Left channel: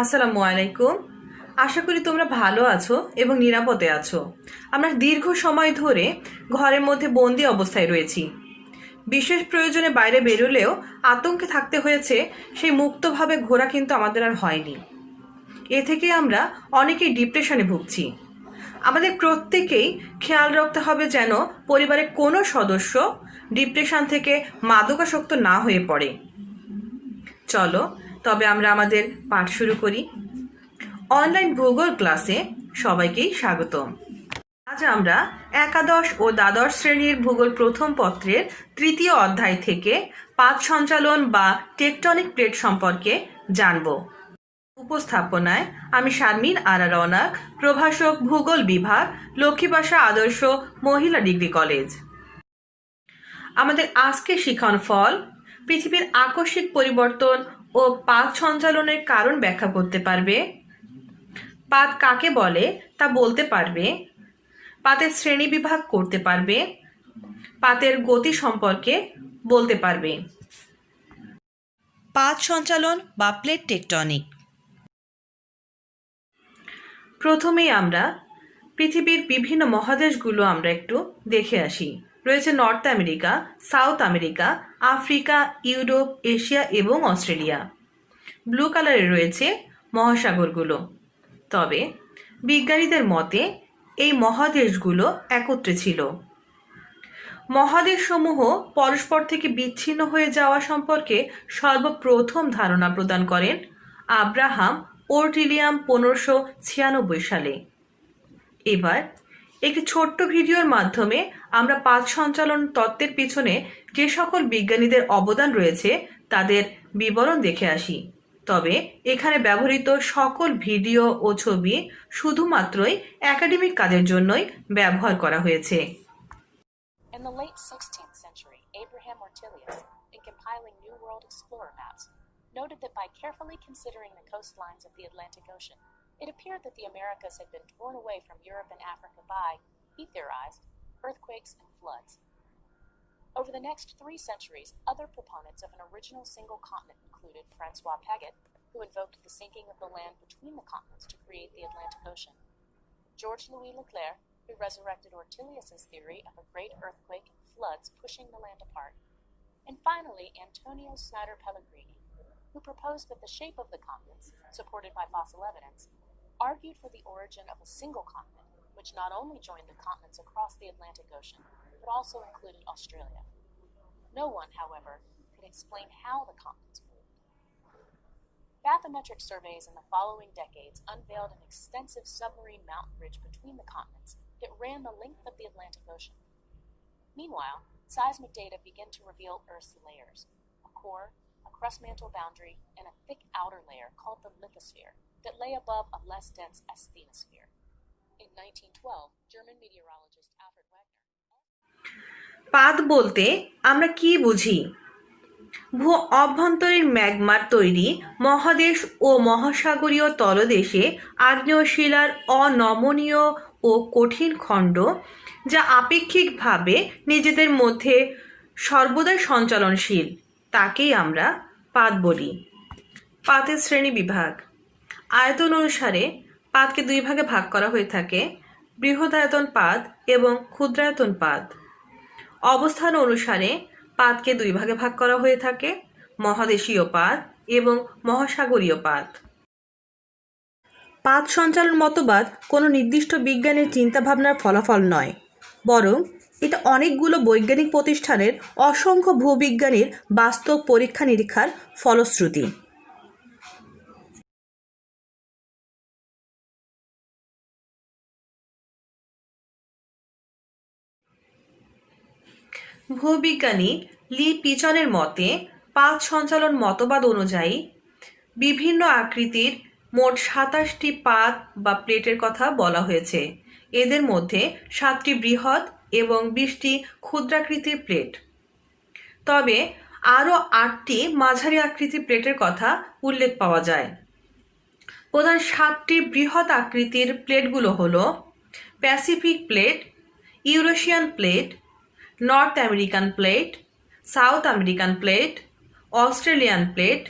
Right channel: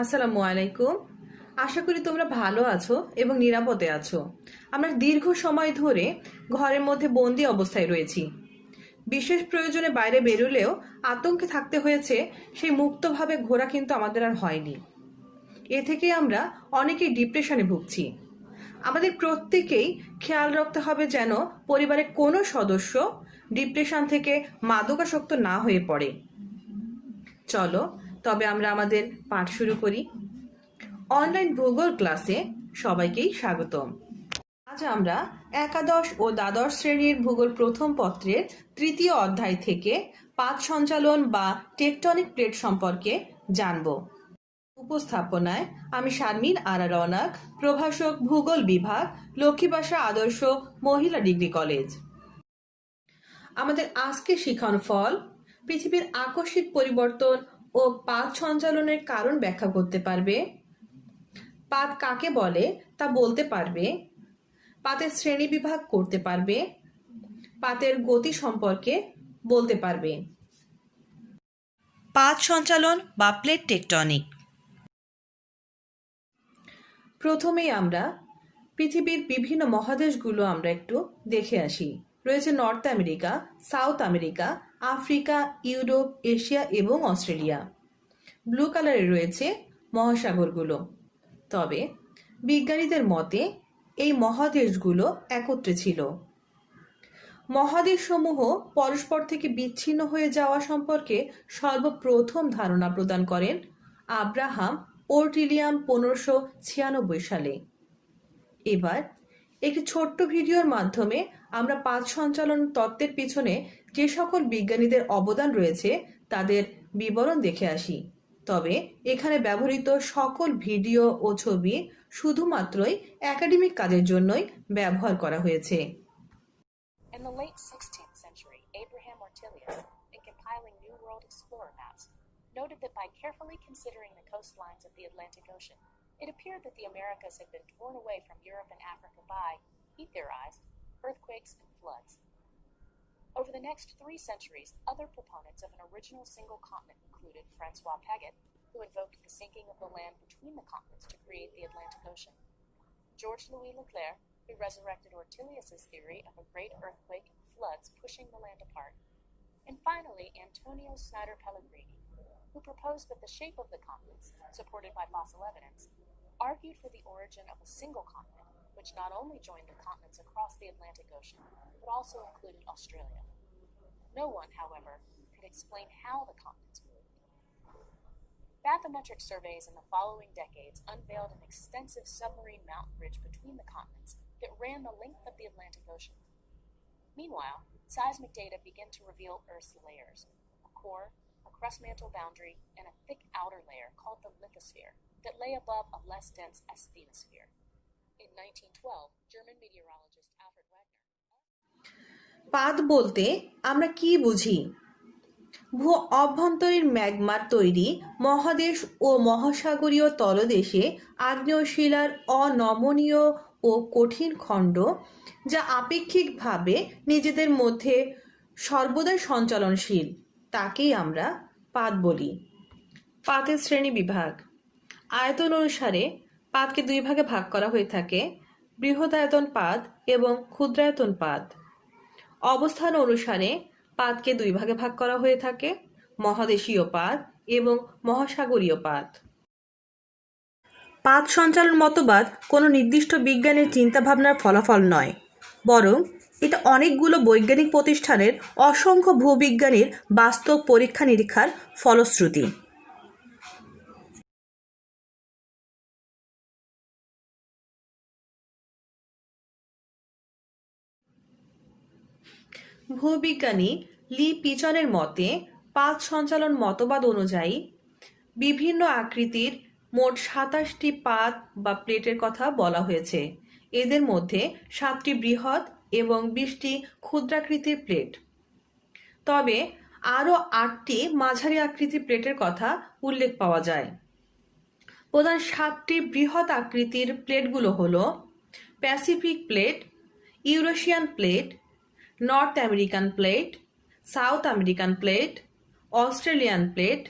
আসসালামু আলাইকুম। আশা করি তোমরা ভালো আছো এবং নিরাপদে আছো। আমরা দীর্ঘ সময় ধরে ঘরের মধ্যে বন্দি অবস্থায় রয়েছি। বিশেষ প্রয়োজনে বাইরে বেরোলেও আতঙ্কে থাকতে হয়েছে। সেই মুক্তভাবে ঘোরা কিন্তু আমাদের আর হয়নি। এ থেকে আমরা অনেকেই ডিপ্রেশনে ভুগছি। আমাদের প্রত্যেকেই খেয়াল রাখতে হবে যেন পরিবারের কোনো সদস্য ডিপ্রেশন থেকে মাদকাসক্ত না হয়ে পড়ে। চলো তবে আমরা আমাদের পাঠ শুরু করি। অনলাইন ভূগোল ক্লাসে সবাইকেই স্বাগতম। আজ আমরা একাদশ ও দ্বাদশ শ্রেণীর ভূগোল প্রথম পত্রের তৃতীয় অধ্যায় থেকে পাত সঞ্চালন বা টেকটনিক প্লেট সম্পর্কে জানব। উপস্থাপনায় আমি শারমিন আরা রওনাক, প্রভাষক ভূগোল বিভাগ, লক্ষ্মীবাসা আদর্শ মহিলা ডিগ্রি কলেজ। আমাদের আজকের শিখন ফল পৃথিবীর আকস্মিক পরিবর্তন ও পাত সঞ্চালনের কারণ ব্যাখ্যা করতে পারবে, পাত কাকে বলে তা বলতে পারবে, পাতের শ্রেণীবিভাগ করতে পারবে, পাতের গতি সম্পর্কে বলতে পারবে। পাত সঞ্চালন বা প্লেট টেকটনিক। প্রথমেই আমরা পৃথিবীর বিভিন্ন মহাদেশগুলো আমরা একটু দেখে আসি। রয়েছে north America, south America, Africa, Europe, Asia এবং অস্ট্রেলিয়া। ব্লু কালারে রয়েছে মহাসাগরগুলো। তবে বিজ্ঞানীদের মতে এই মহাদেশগুলো একত্রে ছিল। মহাদেশসমূহ পরস্পর থেকে বিচ্ছিন্ন হয়ে যাওয়া সম্পর্কে সর্বপ্রথম ধারণা প্রদান করেন আব্রাহাম ওর্টিলিয়াম 1596 সালে। এবার একটি ছোট্ট ভিডিওর মাধ্যমে আমরা পাত সঞ্চালন তত্ত্বের পিছনে যে সকল বিজ্ঞানীদের অবদান রয়েছে তাদের বিবরণ দেখে আসি। তবে এখানে ব্যবহৃত সকল ভিডিও ও ছবি শুধুমাত্রই একাডেমিক কাজের জন্যই ব্যবহার করা হয়েছে। In the late 16th century, Abraham Ortelius, in compiling New World Explorer maps, noted that by carefully considering the coastlines of the Atlantic Ocean, it appeared that the Americas had been torn away from Europe and Africa by, he theorized, earthquakes and floods. Over the next 3 centuries, other proponents of an original single continent included Francois Paget, who invoked the sinking of the land between the continents to create the Atlantic Ocean, George Louis Leclerc, who resurrected Ortelius's theory of a great earthquake and floods pushing the land apart, and finally Antonio Snyder Pellegrini, who proposed that the shape of the continents, supported by fossil evidence, argued for the origin of a single continent, which not only joined the continents across the Atlantic Ocean, but also included Australia. No one, however, could explain how the continents moved. Bathymetric surveys in the following decades unveiled an extensive submarine mountain ridge between the continents that ran the length of the Atlantic Ocean. Meanwhile, seismic data began to reveal Earth's layers: a core, a crust mantle boundary, and a thick outer layer called the lithosphere that lay above a less dense asthenosphere. In 1912, German meteorologist Alfred Wagner. পাত বলতে আমরা কি বুঝি? ভূ অভ্যন্তরীণ ম্যাগমার তৈরি মহাদেশ ও মহাসাগরীয় তলদেশে আগ্নেয় শিলার অনমনীয় ও কঠিন খণ্ড, যা আপেক্ষিকভাবে নিজেদের মধ্যে সর্বদাই সঞ্চালনশীল, তাকেই আমরা পাত বলি। পাতের শ্রেণী বিভাগ। আয়তন অনুসারে পাতকে 2 ভাগে ভাগ করা হয়ে থাকে: বৃহদায়তন পাত এবং ক্ষুদ্রায়তন পাত। অবস্থান অনুসারে পাতকে 2 ভাগে ভাগ করা হয়ে থাকে: মহাদেশীয় পাত এবং মহাসাগরীয় পাত। পাত সঞ্চালন মতবাদ কোনো নির্দিষ্ট বিজ্ঞানের চিন্তাভাবনার ফলাফল নয়, বরং এটা অনেকগুলো বৈজ্ঞানিক প্রতিষ্ঠানের অসংখ্য ভূবিজ্ঞানীর বাস্তব পরীক্ষা নিরীক্ষার ফলশ্রুতি। ভূবিজ্ঞানী লি পিজনের মতে পাত সঞ্চালন মতবাদ অনুযায়ী বিভিন্ন আকৃতির মোট 27টি পাত বা প্লেটের কথা বলা হয়েছে। এদের মধ্যে 7টি বৃহৎ এবং 20টি ক্ষুদ্রাকৃতির প্লেট। তবে আরও 8টি মাঝারি আকৃতির প্লেটের কথা উল্লেখ পাওয়া যায়। প্রধান 7টি বৃহৎ আকৃতির প্লেটগুলো হলো Pacific plate, Eurasian plate, North American plate, South American plate, Australian plate,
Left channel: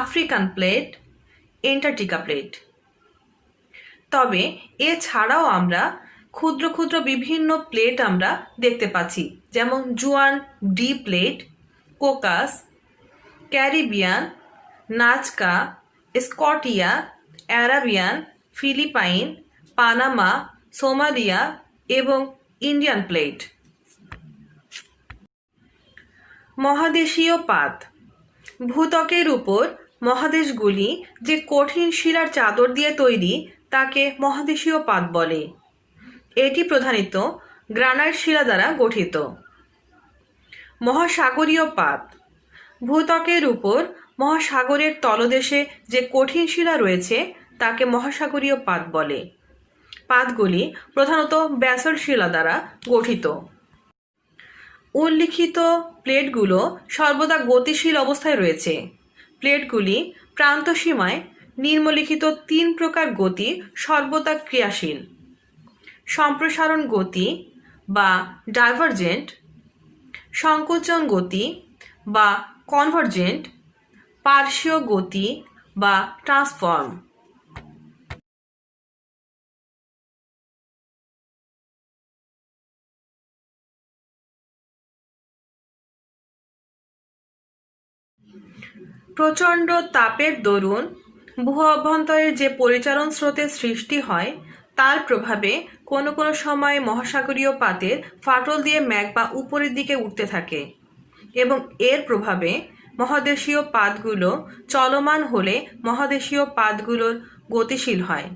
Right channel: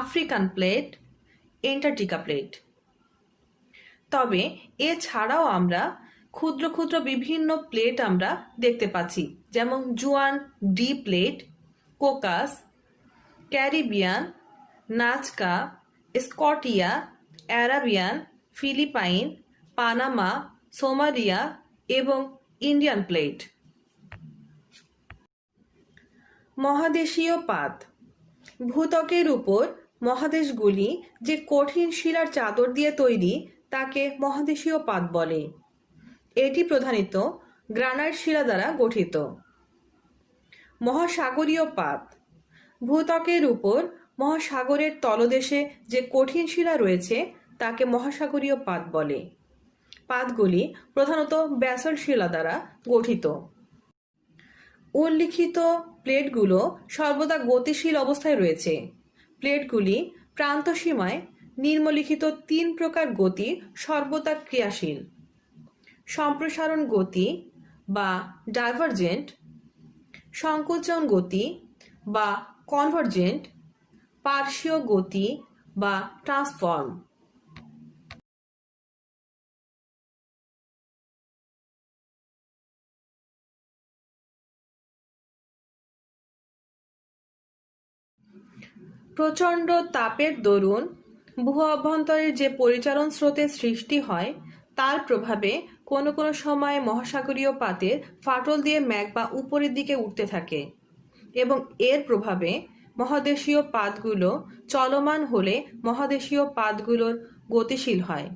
African plate, Antarctica plate. তবে এছাড়াও আমরা ক্ষুদ্র ক্ষুদ্র বিভিন্ন প্লেট আমরা দেখতে পাচ্ছি, যেমন Juan de plate, Cocos, Caribbean, Nazca, Scotia, Arabian, Philippine, Panama, Somalia এবং ইন্ডিয়ান প্লেট। মহাদেশীয় পাত। ভূত্বকের উপর মহাদেশগুলি যে কঠিন শিলার চাদর দিয়ে তৈরি তাকে মহাদেশীয় পাত বলে। এটি প্রধানত গ্রানাইট শিলা দ্বারা গঠিত। মহাসাগরীয় পাত। ভূত্বকের উপর মহাসাগরের তলদেশে যে কঠিন শিলা রয়েছে তাকে মহাসাগরীয় পাত বলে। পাতগুলি প্রধানত ব্যাসল্ট শিলা দ্বারা গঠিত। উল্লিখিত প্লেটগুলো সর্বদা গতিশীল অবস্থায় রয়েছে। প্লেটগুলি প্রান্তসীমায় নিম্নলিখিত 3 প্রকার গতি সর্বদা ক্রিয়াশীল: সম্প্রসারণ গতি বা ডাইভারজেন্ট, সংকোচন গতি বা কনভার্জেন্ট, পার্শ্বীয় গতি বা ট্রান্সফর্ম। প্রচণ্ড তাপের দরুন ভূ অভ্যন্তরের যে পরিচালন স্রোতের সৃষ্টি হয় তার প্রভাবে কোনো কোনো সময় মহাসাগরীয় পাতের ফাটল দিয়ে ম্যাগমা উপরের দিকে উঠতে থাকে এবং এর প্রভাবে মহাদেশীয় পাতগুলো চলমান হলে মহাদেশীয় পাতগুলোর গতিশীল হয়।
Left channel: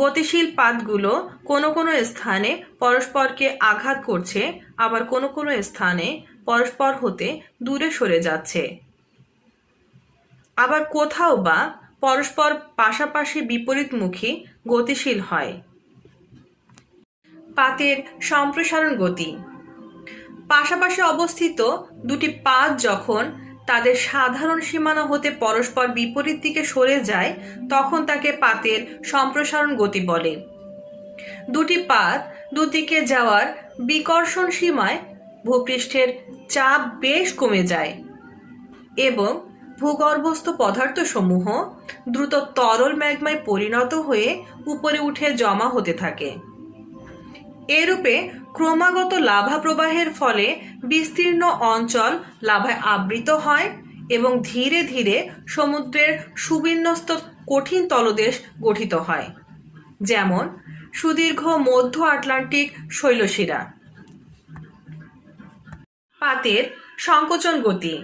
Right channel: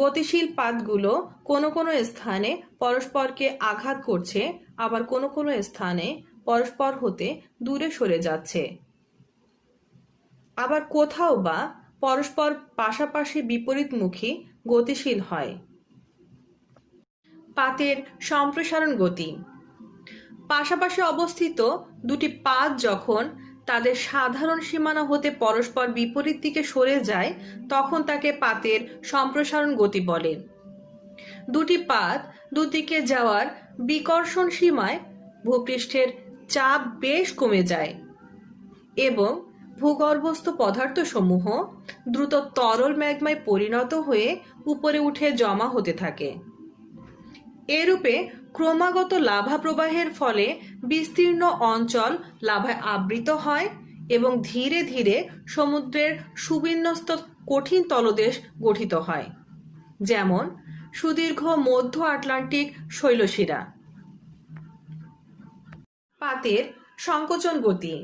গতিশীল পাতগুলো কোনো কোনো স্থানে পরস্পরকে আঘাত করছে, আবার কোনো কোনো স্থানে পরস্পর হতে দূরে সরে যাচ্ছে, আবার কোথাও বা পরস্পর পাশাপাশি বিপরীতমুখী গতিশীল হয়। পাতের সম্প্রসারণ গতি। পাশাপাশি অবস্থিত দুটি পাত যখন তাদের সাধারণ সীমানা হতে পরস্পর বিপরীত দিকে সরে যায় তখন তাকে পাতের সম্প্রসারণ গতি বলে। দুটি পাত দুদিকে যাওয়ার বিকর্ষণ সীমায় ভূপৃষ্ঠের চাপ বেশ কমে যায় এবং ভূগর্ভস্থ পদার্থসমূহ দ্রুত তরল ম্যাগমায় পরিণত হয়ে উপরে উঠে জমা হতে থাকে। এরূপে ক্রমাগত লাভা প্রবাহের ফলে বিস্তীর্ণ অঞ্চল লাভায় আবৃত হয় এবং ধীরে ধীরে সমুদ্রের সুবিন্যস্ত কঠিন তলদেশ গঠিত হয়, যেমন সুদীর্ঘ মধ্য আটলান্টিক শৈলশিরা। পাতের সংকোচন গতি।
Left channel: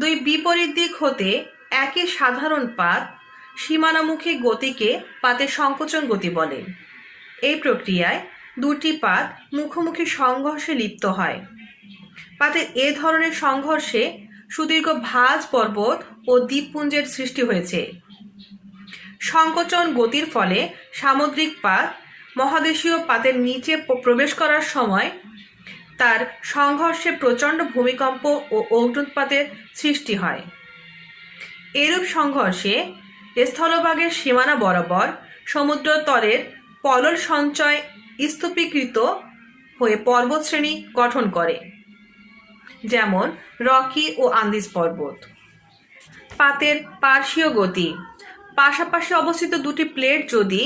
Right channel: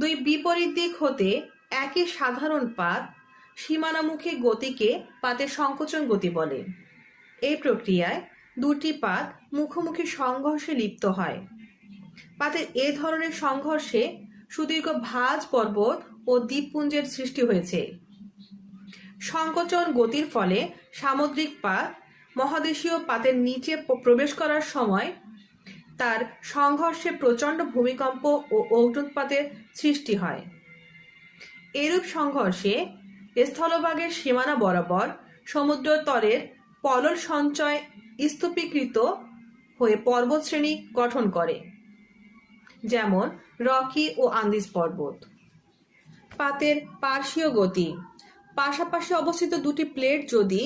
দুই বিপরীত দিক হতে একই সাধারণ পাত সীমানামুখী গতিকে পাতের সংকোচন গতি বলে। এই প্রক্রিয়ায় দুটি পাত মুখোমুখি সংঘর্ষে লিপ্ত হয়। পাতের এ ধরনের সংঘর্ষে সুদীর্ঘ ভাঁজ পর্বত ও দ্বীপপুঞ্জের সৃষ্টি হয়েছে। সংকোচন গতির ফলে সামুদ্রিক পাত মহাদেশীয় পাতের নিচে প্রবেশ করার সময় তার সংঘর্ষে প্রচণ্ড ভূমিকম্প ও অগ্ন্যুৎপাতের সৃষ্টি হয়। এরূপ সংঘর্ষে স্থলভাগের সীমানা বরাবর সমুদ্রতলের পলল সঞ্চয় স্তূপীকৃত হয়ে পর্বতশ্রেণী গঠন করে, যেমন রকি ও আন্দিজ পর্বত। পাতের পার্শ্বীয় গতি। পাশাপাশি অবস্থিত দুটি প্লেট যদি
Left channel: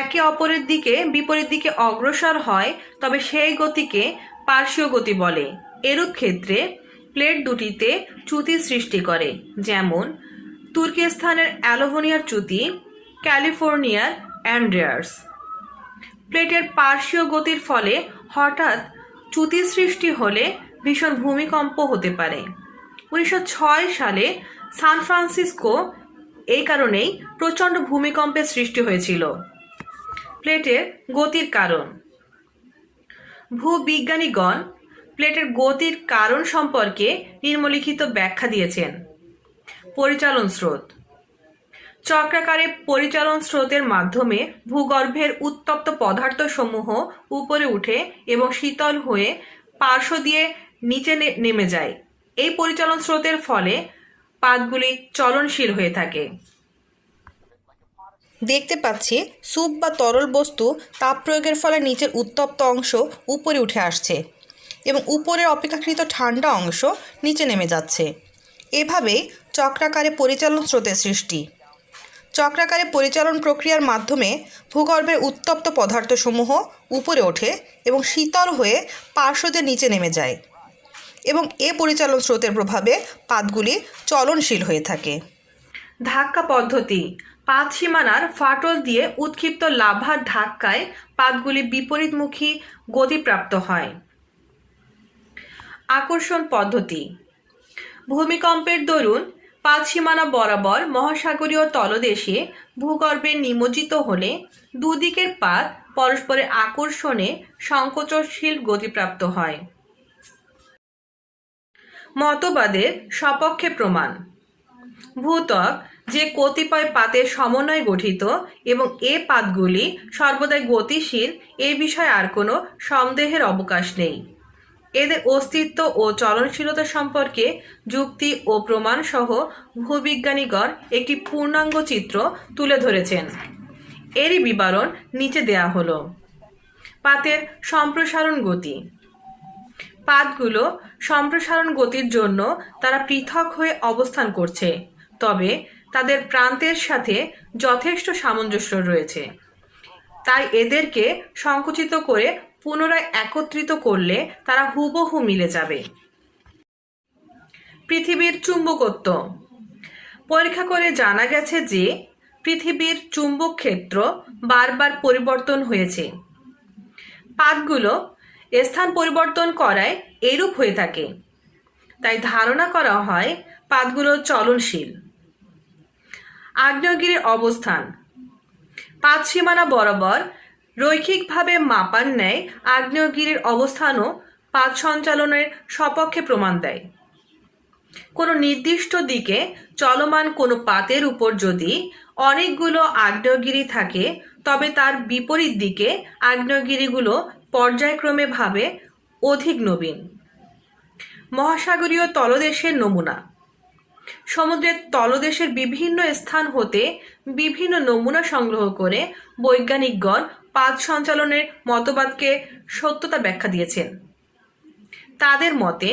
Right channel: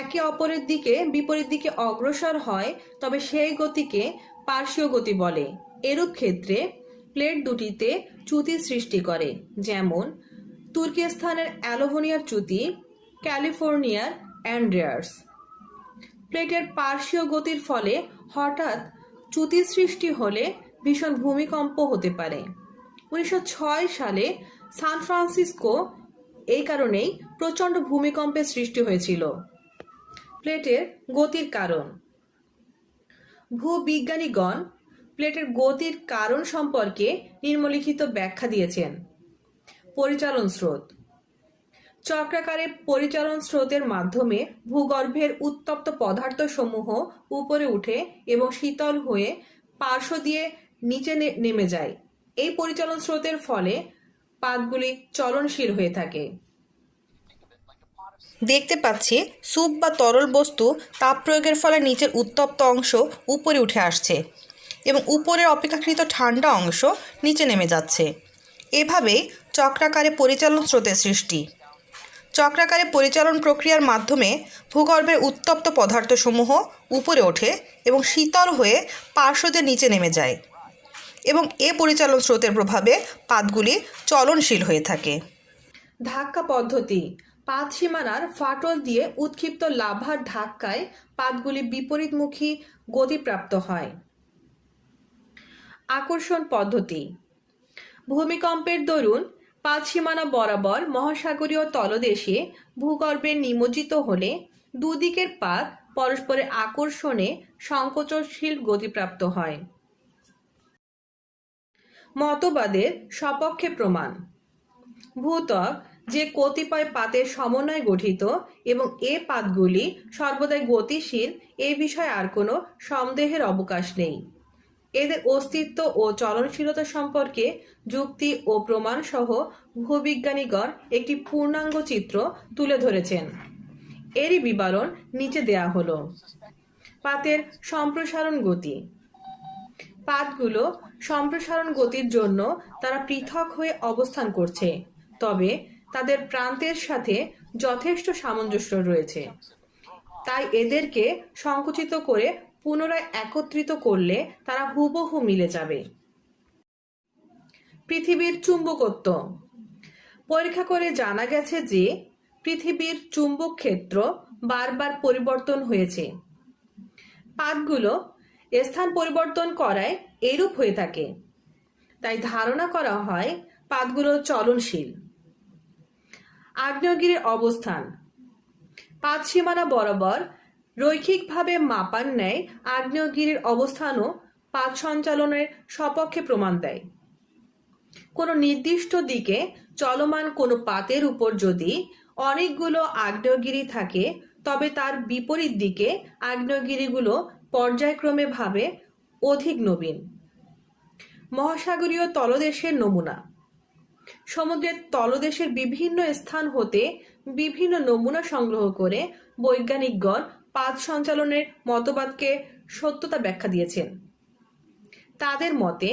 একে অপরের দিকে বিপরীত দিকে অগ্রসর হয় তবে সেই গতিকে পার্শ্বীয় গতি বলে। এরূপ ক্ষেত্রে প্লেট দুটিতে চ্যুতি সৃষ্টি করে, যেমন তুর্কিস্তানের অ্যালোভোনিয়ার চ্যুতি, ক্যালিফোর্নিয়ার অ্যান্ড্রেয়াস। প্লেটের পার্শ্বীয় গতির ফলে হঠাৎ চ্যুতি সৃষ্টি হলে ভীষণ ভূমিকম্প হতে পারে। 1906 সালে সান ফ্রান্সিসকো এই কারণেই প্রচণ্ড ভূমিকম্পের সৃষ্টি হয়েছিল। প্লেটের গতির কারণ। ভূবিজ্ঞানীগণ প্লেটের গতির কারণ সম্পর্কে নিম্নলিখিত ব্যাখ্যা দিয়েছেন। পরিচালন স্রোত। চক্রাকারে পরিচালন স্রোতের মাধ্যমে ভূগর্ভের উত্তপ্ত পদার্থসমূহ উপরে উঠে এবং শীতল হয়ে পার্শ্ব দিয়ে নিচে নেমে যায়। এই পরিচালন স্রোতের ফলে পাতগুলি চলনশীল হয়ে থাকে। দেখতে পাচ্ছি স্যুপ বা তরল বস্তু তাপ প্রয়োগের ফলে নিচের উত্তপ্ত অংশ উপরে উঠে আসছে এবং উপরের অপেক্ষাকৃত ঠান্ডা অংশ নিচে নেমে যাচ্ছে। এভাবেই চক্রাকারে পরিচালন স্রোতের সৃষ্টি। চক্রাকারে পরিচালন প্রক্রিয়ার মাধ্যমে ভূগর্ভের উত্তপ্ত পদার্থসমূহ উপরে ওঠে এবং শীতল হয়ে পার্শ্ব দিয়ে নিচে নেমে যায় এবং এ পরিচালন স্রোতের প্রভাবে পাতগুলি চলনশীল হয়ে থাকে। ধাক্কা পদ্ধতি। পাত সীমানার ফাটল দিয়ে উৎক্ষিপ্ত লাভার ধাক্কায় পাতগুলি বিপরীতমুখী গতিপ্রাপ্ত হয়। আকর্ষণ পদ্ধতি। ভূমিকম্পের দরুন পাত সীমানা বরাবর মহাসাগরীয় তলদেশে ভূগর্ভে নিমজ্জিত হলে দুদিকের পাত পরস্পরের আকর্ষণে সংকোচনশীল গতিপ্রাপ্ত হয়। মতবাদের সপক্ষে প্রমাণ। ভূত্বক যে কতিপয় পাতের সমন্বয়ে গঠিত এবং এ পাতগুলি সর্বদাই গতিশীল এ বিষয়ে আর কোনো সন্দেহের অবকাশ নেই। এদের অস্তিত্ব ও চলনশীলতা সম্পর্কে যুক্তি ও প্রমাণসহ ভূবিজ্ঞানীগণ একটি পূর্ণাঙ্গ চিত্র তুলে ধরেছেন। এরই বিবরণ নিচে দেয়া হলো। পাতের সম্প্রসারণ গতি। পাতগুলো সম্প্রসারণ গতির জন্য তারা পৃথক হয়ে অবস্থান করছে, তবে তাদের প্রান্তের সাথে যথেষ্ট সামঞ্জস্য রয়েছে। তাই এদেরকে সংকুচিত করে পুনরায় একত্রিত করলে তারা হুবহু মিলে যাবে। পৃথিবীর চুম্বকত্ব। পরীক্ষা করে জানা গেছে যে পৃথিবীর চুম্বক ক্ষেত্র বারবার পরিবর্তন হয়েছে। পাতগুলো স্থান পরিবর্তন করায় এরূপ হয়ে থাকে। তাই ধারণা করা হয় পাতগুলো চলনশীল। আগ্নেয়গিরির অবস্থান। পাত সীমানা বরাবর রৈখিকভাবে মাপার ন্যায় আগ্নেয়গিরির অবস্থানও পাত সঞ্চালনের সপক্ষে প্রমাণ দেয়। কোনো নির্দিষ্ট দিকে চলমান কোনো পাতের উপর যদি অনেকগুলো আগ্নেয়গিরি থাকে, তবে তার বিপরীত দিকে আগ্নেয়গিরিগুলো পর্যায়ক্রমে ভাবে অধিক নবীন। মহাসাগরীয় তলদেশের নমুনা। সমুদ্রের তলদেশের বিভিন্ন স্থান হতে বিভিন্ন নমুনা সংগ্রহ করে বৈজ্ঞানিকগণ পাত সঞ্চালনের মতবাদকে সত্যতা ব্যাখ্যা দিয়েছেন। তাদের মতে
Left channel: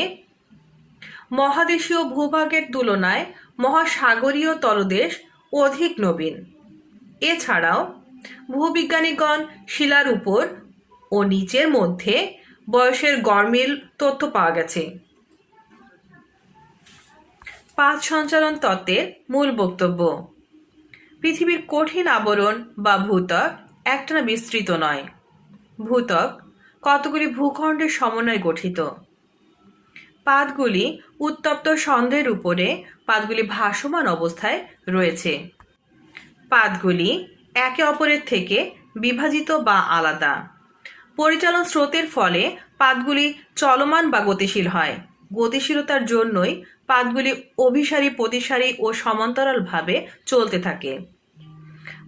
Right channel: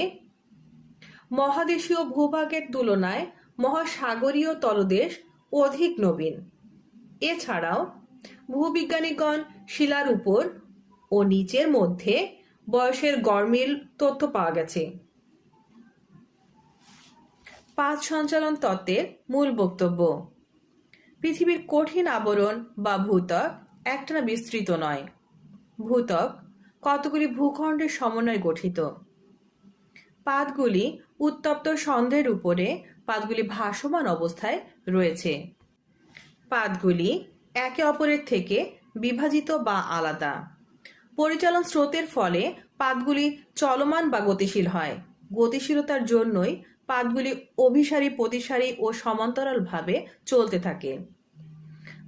মহাদেশীয় ভূভাগের তুলনায় মহাসাগরীয় তলদেশ অধিক নবীন। এছাড়াও ভূবিজ্ঞানীগণ শিলার উপর ও নিচের মধ্যে বয়সের গরমিল তথ্য পাওয়া গেছে। পাত সঞ্চালন তত্ত্বের মূল বক্তব্য। পৃথিবীর কঠিন আবরণ বা ভূত্বক একটানা বিস্তৃত নয়। ভূত্বক কতগুলি ভূখণ্ডের সমন্বয়ে গঠিত। পাতগুলি উত্তপ্ত সন্ধ্যের উপরে পাতগুলি ভাসমান অবস্থায় রয়েছে। পাতগুলি একে অপরের থেকে বিভাজিত বা আলাদা। পরিচালন স্রোতের ফলে পাতগুলি চলমান বা গতিশীল হয়। গতিশীলতার জন্যই পাতগুলি অভিসারী, প্রতিসারী ও সমান্তরালভাবে চলতে থাকে।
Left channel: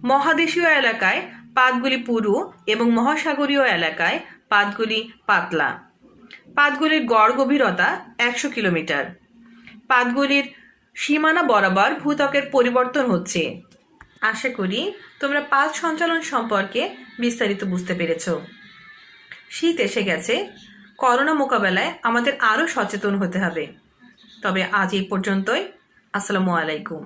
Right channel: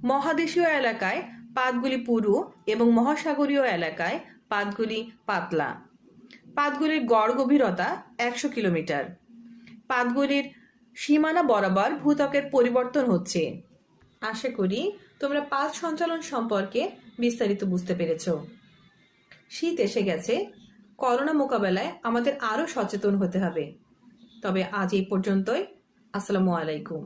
মহাদেশীয় এলাকায় পাতগুলি পুরু এবং মহাসাগরীয় এলাকায় পাতগুলি পাতলা। পাতগুলির গড় গভীরতা 100 কিলোমিটার। পাতগুলির সীমানা বরাবর ভূত্বকের পরিবর্তন হচ্ছে। আশা করি তোমরা পাত সঞ্চালন সম্পর্কে বিস্তারিত বুঝতে পেরেছ। শীত এসে গেছে। করোনা মোকাবেলায় আমাদের আরও সচেতন হতে হবে। তবে আজ এই পর্যন্তই। আসসালামু আলাইকুম।